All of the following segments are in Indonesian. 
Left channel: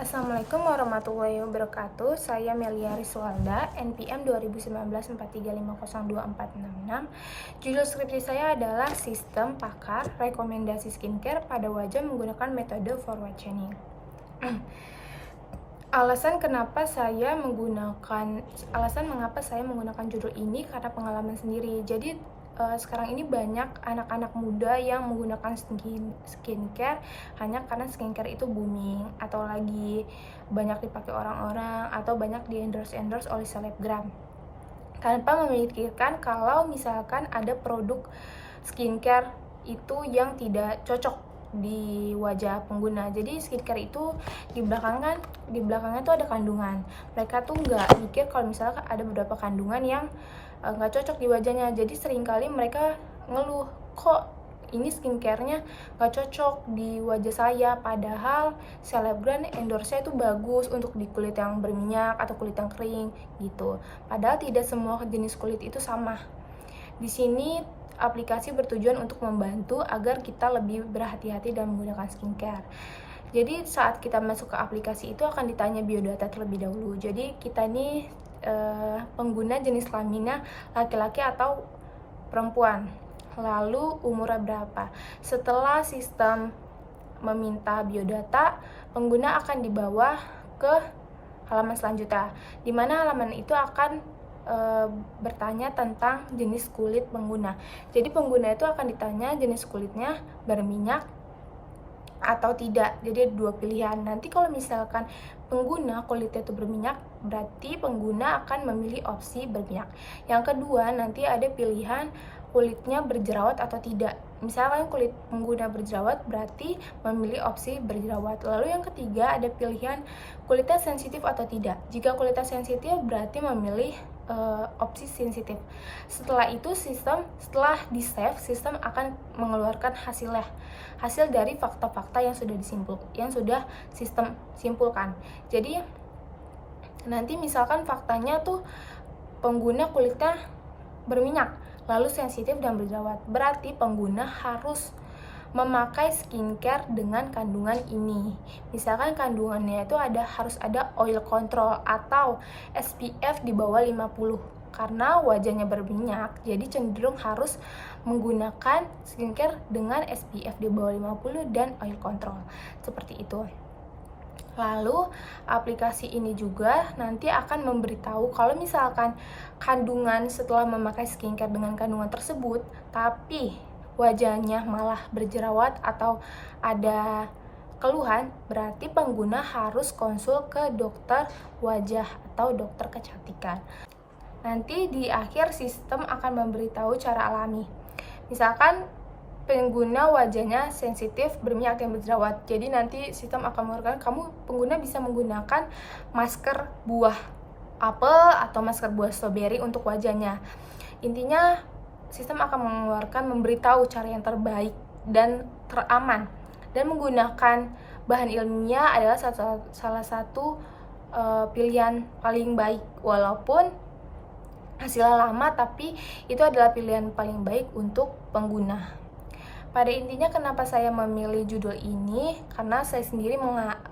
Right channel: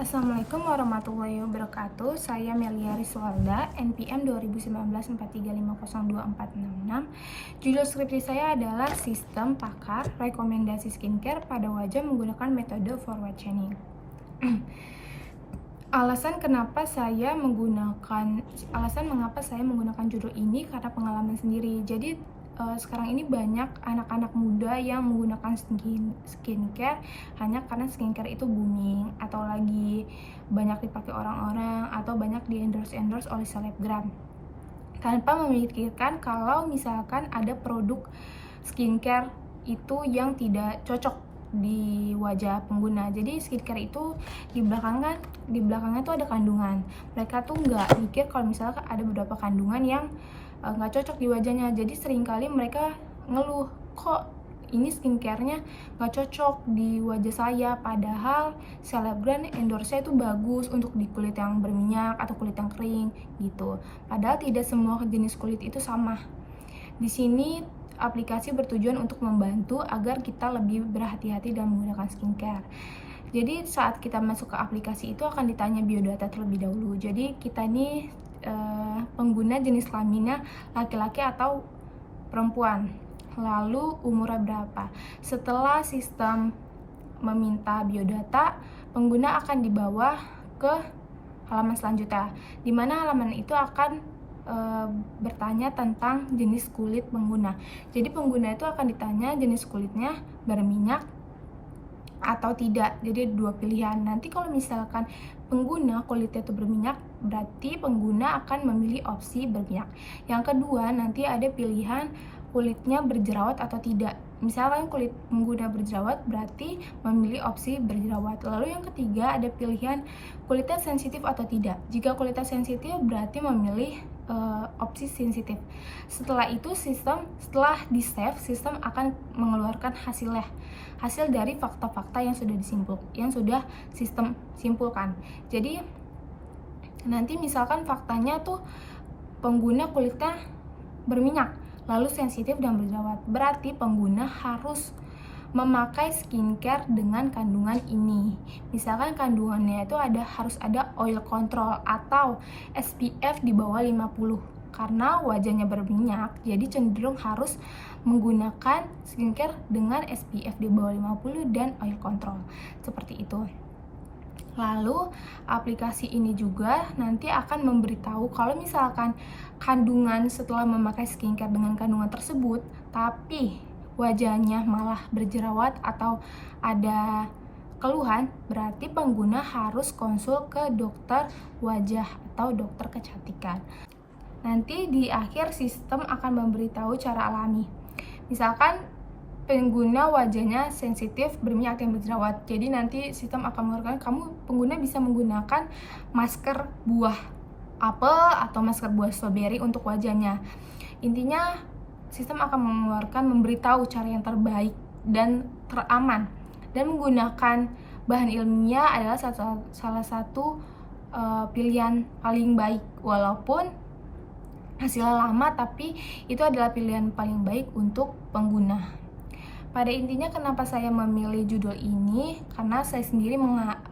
Assalamualaikum warahmatullahi wabarakatuh. Saya Melia Riswalda, NPM 2019-43502466. Judul skripsi saya adalah Sistem Pakar Rekomendasi Skincare pada Wajah Menggunakan Metode Forward Chaining. Alasan mengapa saya menggunakan judul ini karena pengalaman sendiri. Jadi sekarang ini banyak anak-anak muda yang menggunakan skincare hanya karena skincare itu booming atau lagi banyak dipakai orang-orang atau banyak di endorse oleh selebgram, tanpa memikirkan kalau misalkan ada produk skincare itu yang tidak cocok di wajah pengguna. Jadi skincare itu di belakangnya tuh ada kandungan. Mereka tuh nggak mikir kalau misalkan ada beberapa kandungan yang nggak cocok di wajahnya. Jadi seringkali mereka ngeluh, kok ini skincare-nya nggak cocok di wajah saya, padahal selebgram endorse-nya itu bagus untuk di kulit yang berminyak atau kulit yang kering gitu. Padahal tidak semua jenis kulit itu sama. Di sini aplikasi bertujuan untuk membantu agar kita lebih berhati-hati dalam menggunakan skincare. Jadi saat kita masuk ke aplikasi itu akan ditanya biodata terlebih dahulu. Jadi kita ini pengguna jenis kelaminnya laki-laki atau perempuan, lalu umurnya berapa. Setelah sistem meminta biodata, pengguna akan dibawa ke halaman selanjutnya, di mana halaman itu akan bertanya tentang jenis kulit pengguna. Jadi pengguna itu akan ditanya jenis kulitnya berminyak atau tidak. Jadi ada dua pilihan. Nanti kalau misalkan pengguna kulitnya itu berminyak, berarti pengguna akan memilih opsi berminyak. Yang kedua, nanti ada pilihan kulitnya berjerawat atau tidak. Misalkan kulit pengguna berjerawat, berarti memilih opsi berjerawat. Lalu yang ketiga, ada pilihan kulitnya sensitif atau tidak. Jika kulitnya sensitif, berarti memilih opsi sensitif. Setelah itu setelah di save, sistem akan mengeluarkan hasil dari fakta-fakta yang sudah sistem simpulkan. Jadi nanti misalkan faktanya tuh pengguna kulitnya berminyak, lalu sensitif dan berjerawat, berarti pengguna harus memakai skincare dengan kandungan ini. Misalkan kandungannya itu harus ada oil control atau SPF di bawah 50. Karena wajahnya berminyak, jadi cenderung harus menggunakan skincare dengan SPF di bawah 50 dan oil control. Seperti itu. Lalu aplikasi ini juga nanti akan memberitahu kalau misalkan kandungan setelah memakai skincare dengan kandungan tersebut, tapi wajahnya malah berjerawat atau ada keluhan, berarti pengguna harus konsul ke dokter wajah atau dokter kecantikan. Nanti di akhir sistem akan memberitahu cara alami. Misalkan pengguna wajahnya sensitif, berminyak dan berjerawat. Jadi nanti sistem akan mengeluarkan pengguna bisa menggunakan masker buah apel atau masker buah stroberi untuk wajahnya. Intinya sistem akan memberitahu cara yang terbaik dan teraman, dan menggunakan bahan ilmiah adalah salah satu pilihan paling baik. Walaupun hasilnya lama, tapi itu adalah pilihan paling baik untuk pengguna. Pada intinya kenapa saya memilih judul ini, karena saya sendiri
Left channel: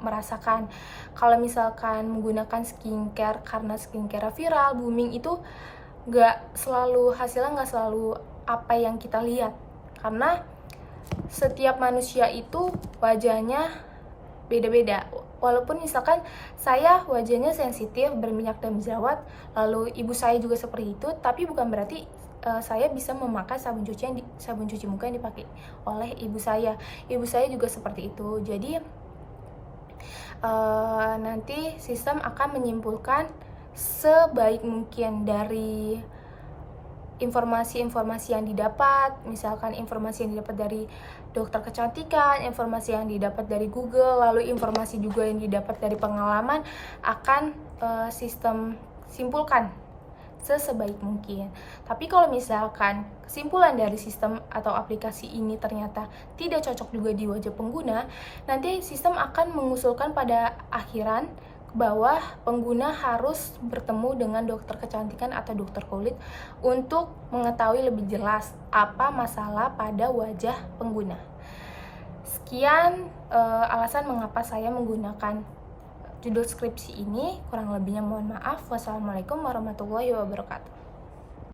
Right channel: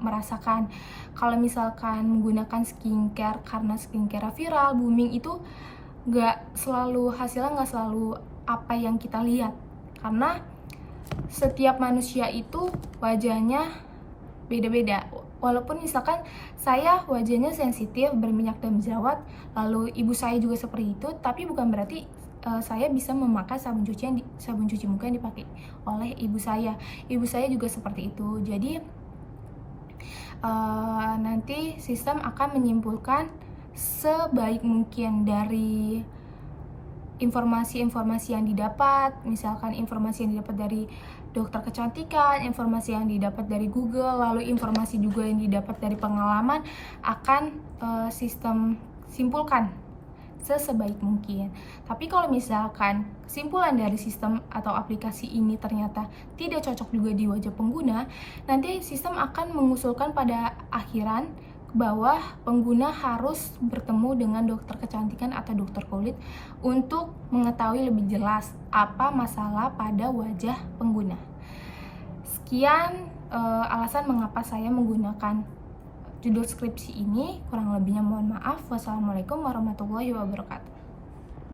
merasakan kalau misalkan menggunakan skincare karena skincare viral, booming, itu hasilnya nggak selalu apa yang kita lihat. Karena setiap manusia itu wajahnya beda-beda. Walaupun misalkan saya wajahnya sensitif, berminyak dan berjerawat, lalu ibu saya juga seperti itu, tapi bukan berarti saya bisa memakai sabun cuci muka yang dipakai oleh ibu saya. Ibu saya juga seperti itu. Jadi nanti sistem akan menyimpulkan sebaik mungkin dari informasi-informasi yang didapat. Misalkan informasi yang didapat dari dokter kecantikan, informasi yang didapat dari Google, lalu informasi juga yang didapat dari pengalaman, akan sistem simpulkan sebaik mungkin. Tapi kalau misalkan kesimpulan dari sistem atau aplikasi ini ternyata tidak cocok juga di wajah pengguna, nanti sistem akan mengusulkan pada akhiran bahwa pengguna harus bertemu dengan dokter kecantikan atau dokter kulit untuk mengetahui lebih jelas apa masalah pada wajah pengguna. Sekian alasan mengapa saya menggunakan judul skripsi ini. Kurang lebihnya mohon maaf. Wassalamualaikum warahmatullahi wabarakatuh.